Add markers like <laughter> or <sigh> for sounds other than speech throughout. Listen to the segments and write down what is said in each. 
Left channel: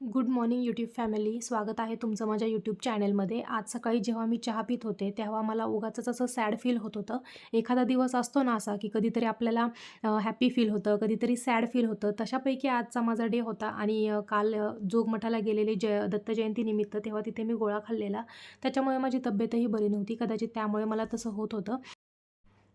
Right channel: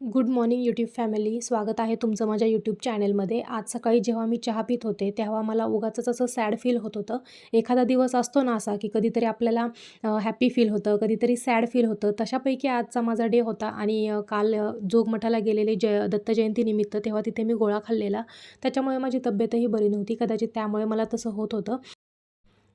Good morning YouTube family. स्वागत आहे तुमचं माझ्या यूट्यूब चॅनलमध्ये. आज सकाळी जेव्हा मी चहा पित होते तेव्हा मला उगाचंच असं सॅड फील होत होतं. एखादा दिवस असतो ना असा की कधीतरी आपल्याला हॅपी फील होतं कधीतरी सॅड फील होतं. तशापैकी आजचा माझा डे होता आणि काल जोगमठाला गेलेले जय दत्त जयंतीनिमित्त तेव्हा तिथे मी गोळा खाल्लेला. त्याच्यामुळे माझी तब्येतही बरी नव्हती. कदाचित त्यामुळे मला तसं होत होतं.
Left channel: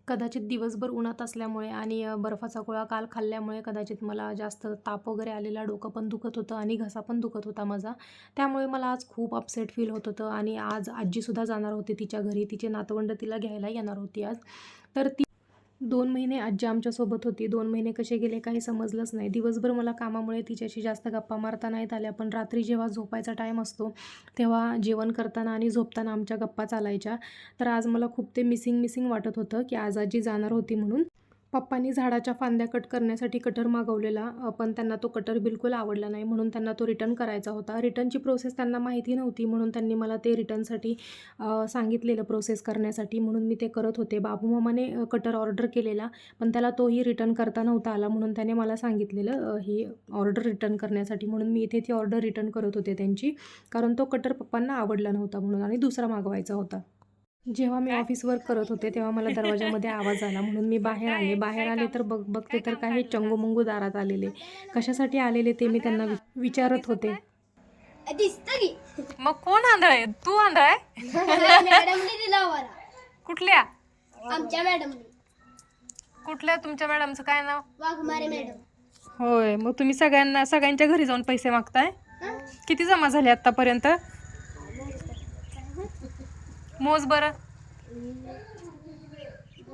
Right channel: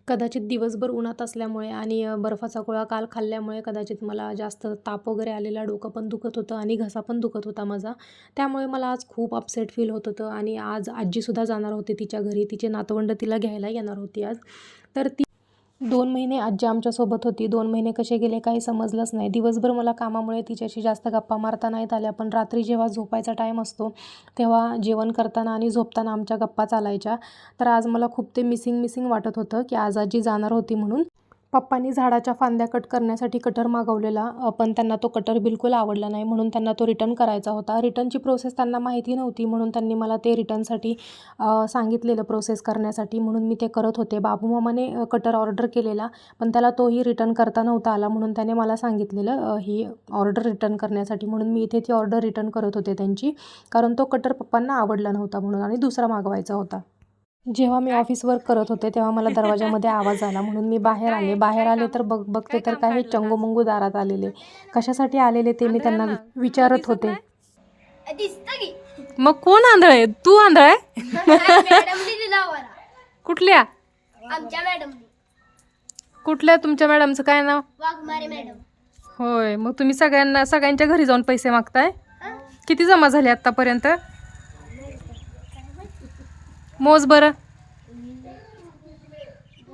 कदाचित दिवसभर उन्हात असल्यामुळे आणि बर्फाचा गोळा काल खाल्ल्यामुळे कदाचित मला जास्त ताप वगैरे आलेला डोकं पण दुखत होतं आणि घसा पण दुखत होता माझा. त्यामुळे मला आज खूप अपसेट फील होत होतं आणि आज आजीसुद्धा जाणार होती तिच्या घरी. तिचे नातवंड तिला घ्यायला येणार होती आज. तर ती दोन महिने आजी आमच्यासोबत होती. दोन महिने कसे गेले काही समजलंच नाही. दिवसभर मला कामामुळे तिच्याशी जास्त गप्पा मारता नाहीत आल्या पण रात्री जेव्हा झोपायचा टाईम असतो तेव्हा जेवण करताना आणि झोपताना आमच्या गप्पा चालायच्या. तर आज मला खूप ते मिसिंग मिसिंग वाटत होतं की आज आजी जाणार होती म्हणून. पप्पांनी झाडाच्या फांद्या कट करण्यासाठी कटर मागवलेला पण त्यांना तो कटर बिलकुल आवडला नाही म्हणून त्यांना तो रिटर्न करायचा होता. रिटर्नची प्रोसेस त्यांना माहिती नव्हती म्हणून त्यांनी मला ते रिटर्नसाठी सांगितलेलं प्रोसेस करण्यासाठी म्हणून मी ते करत होते. बाबू मामाने कटर ऑर्डर केलेला पण त्याला तोही रिटर्न करता नव्हता आला म्हणून त्याने मला सांगितलेलं ही ऑर्डर रिटर्न करण्यासाठी म्हणून मी इथे ती ऑर्डर रिटर्न करत होते त्यांची कारण तो कटर पप्पांना आवडला नव्हता म्हणून आणि दुसरा मागवायचा होता. जेव्हा मी ऑफिस वर्क करत होते तेव्हा मला दरवाजामध्ये आवाज आला. म्हणून मी बाहेर आले. बाहेर आले तर बघ बघते तर काही चंगूमंगू दारात आलेले. कशासाठी आलेले ते मी त्यांना विचारत होते. दिसतं की मग कोण आंधळ आहे? तू आंधळ आहे? मॅडमने दिला आम्हाला कुठल्या? आमच्या मॅडमने कुठल्या तुमच्या मॅडमचं? काय नाव? वाघमारे मॅडम होय. मग तुम्ही सगळ्यांना सगळ्यांच्या घरी जाऊन पैसे मागताय? किती जमा झाले आतापर्यंत? मोज बरं.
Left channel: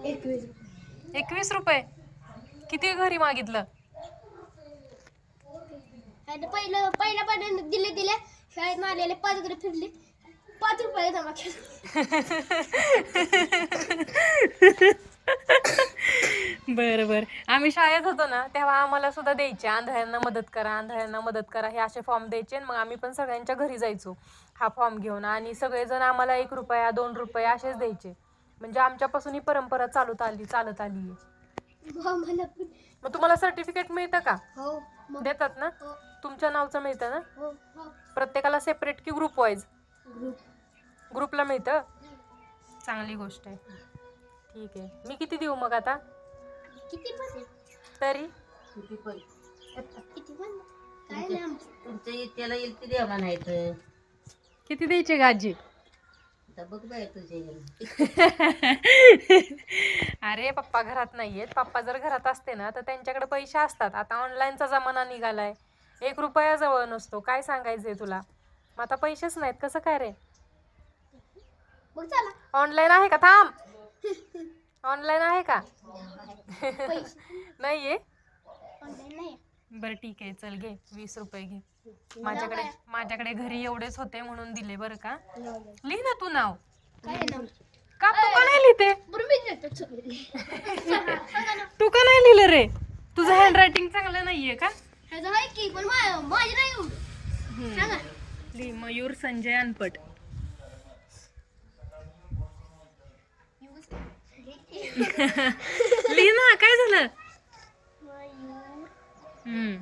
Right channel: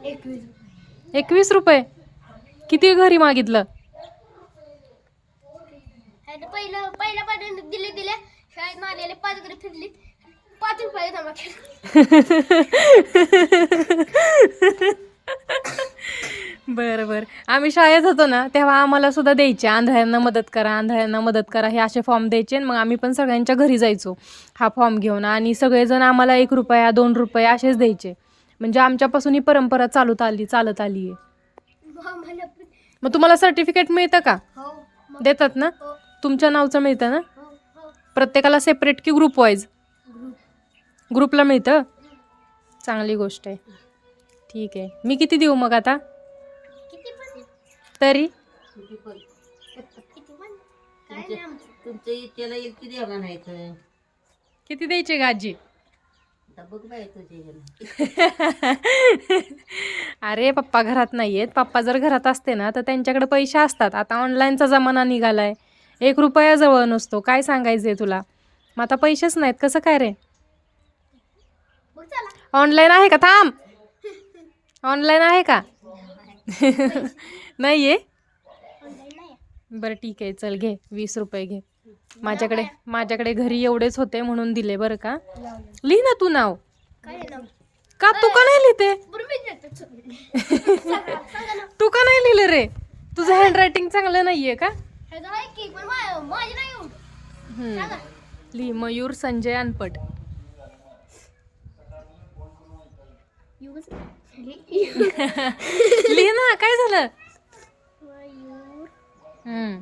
एकवीस. एकवीस रुपये. किती घरी मागितलं? पहिलं पहिल्या पाण्याने दिले दिले. शाळेत पाच वगैरे फिरली. पाच रुपये जमा केले. <laughs> बरं बरं. आम्ही शाळेत होतो ना तेव्हा आम्हाला सुद्धा द्यायचे. आंधळ्यांना मदत करा आंधळ्यांना मदत करा हे असे फॉर्म द्यायचे आणि मग आम्ही पण सगळ्यांच्या घरी जायचो हा फॉर्म घेऊन. आणि सगळेजण आम्हाला एक रुपया दोन रुपये असेच द्यायचे. म्हणजे आमच्यापासून ही परंपरा चालत आली चालत आली आहे. मग तुम्हाला सर्टिफिकेट मिळतं का? हो देतात ना? हो. तुमच्या नावचं मिळतं ना? हो प्रत्येकाला सेपरेट की ग्रुप वाईज ग्रुप ग्रुपला मिळतं? चांगली गोष्ट आहे. ठीक आहे. मी किती देऊ मग आता? किती पण तरी? किती पण. काय नाही आमचं. तुमचं इच्छेला येईल ती द्यावा नाही तर किती द्यायचे का आजी आता बघ बाय तुझ्या इकडं. <laughs> अरे पप्पा घरात नाही आहेत पप्पा जर घरात असते ना तर त्यांच्याकडे पैसे असतात. आता ऑनलाईनचा जमाना निघालाय. एक रुपया जवळ नसतो. काय सांगायचंय तुला? मग आता पैसेच नाहीत. कसं काय रे? बघ चला. ऑनलाईन आहे का? थांब. <laughs> ऑनलाईन आहे का? <laughs> नाही आहे बरं ठीक आहे चल घे वीस रुपये घे. माझ्याकडे माझ्याकडे घरी एवढेच होते म्हणून दिले बरं का? लिही ना तू नाव. का तू का नाही लिहिते? <laughs> तू का नाही लिहिलं रे? तुझं हँड रायटिंग चांगलं नाहीये का? लिही मयूर संजय अनपट. <laughs> लिही ना काय झालं? मयूर हम्म.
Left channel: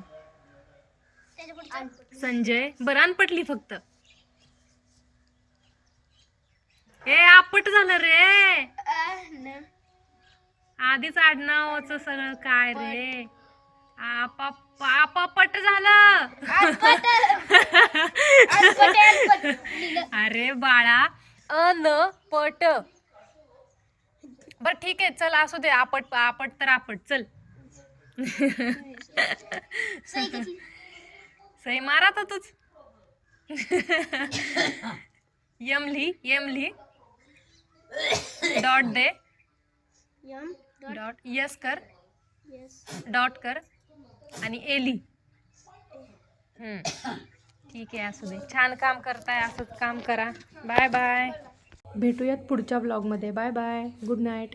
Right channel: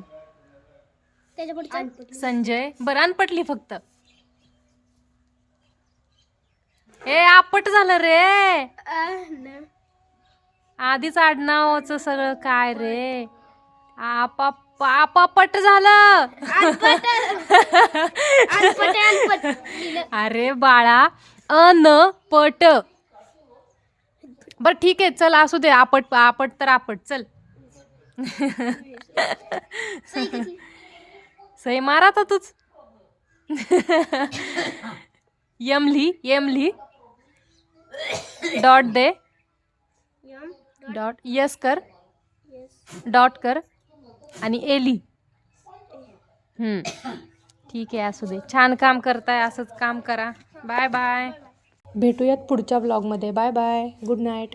त्याच्या पुढचं संजय बरं अनपट लिही फक्त. ए आपट झालं रे. अन- आधीच आडनावाचं सगळं काय रे? आपाप आपापट झालं. अरे बाळा अनपट. बरं ठीक आहे चल असू दे आपट आपट तर आपट चल. सही मारा तर तूच. यम लिही यम लिही डॉट दे. डॉट यस कर. डॉट कर. आणि एली. ठीक आहे असू दे. छान काम करताय असंच काम करा. Bye bye. भेटूयात पुढच्या ब्लॉगमध्ये बाय बाय गुड नाईट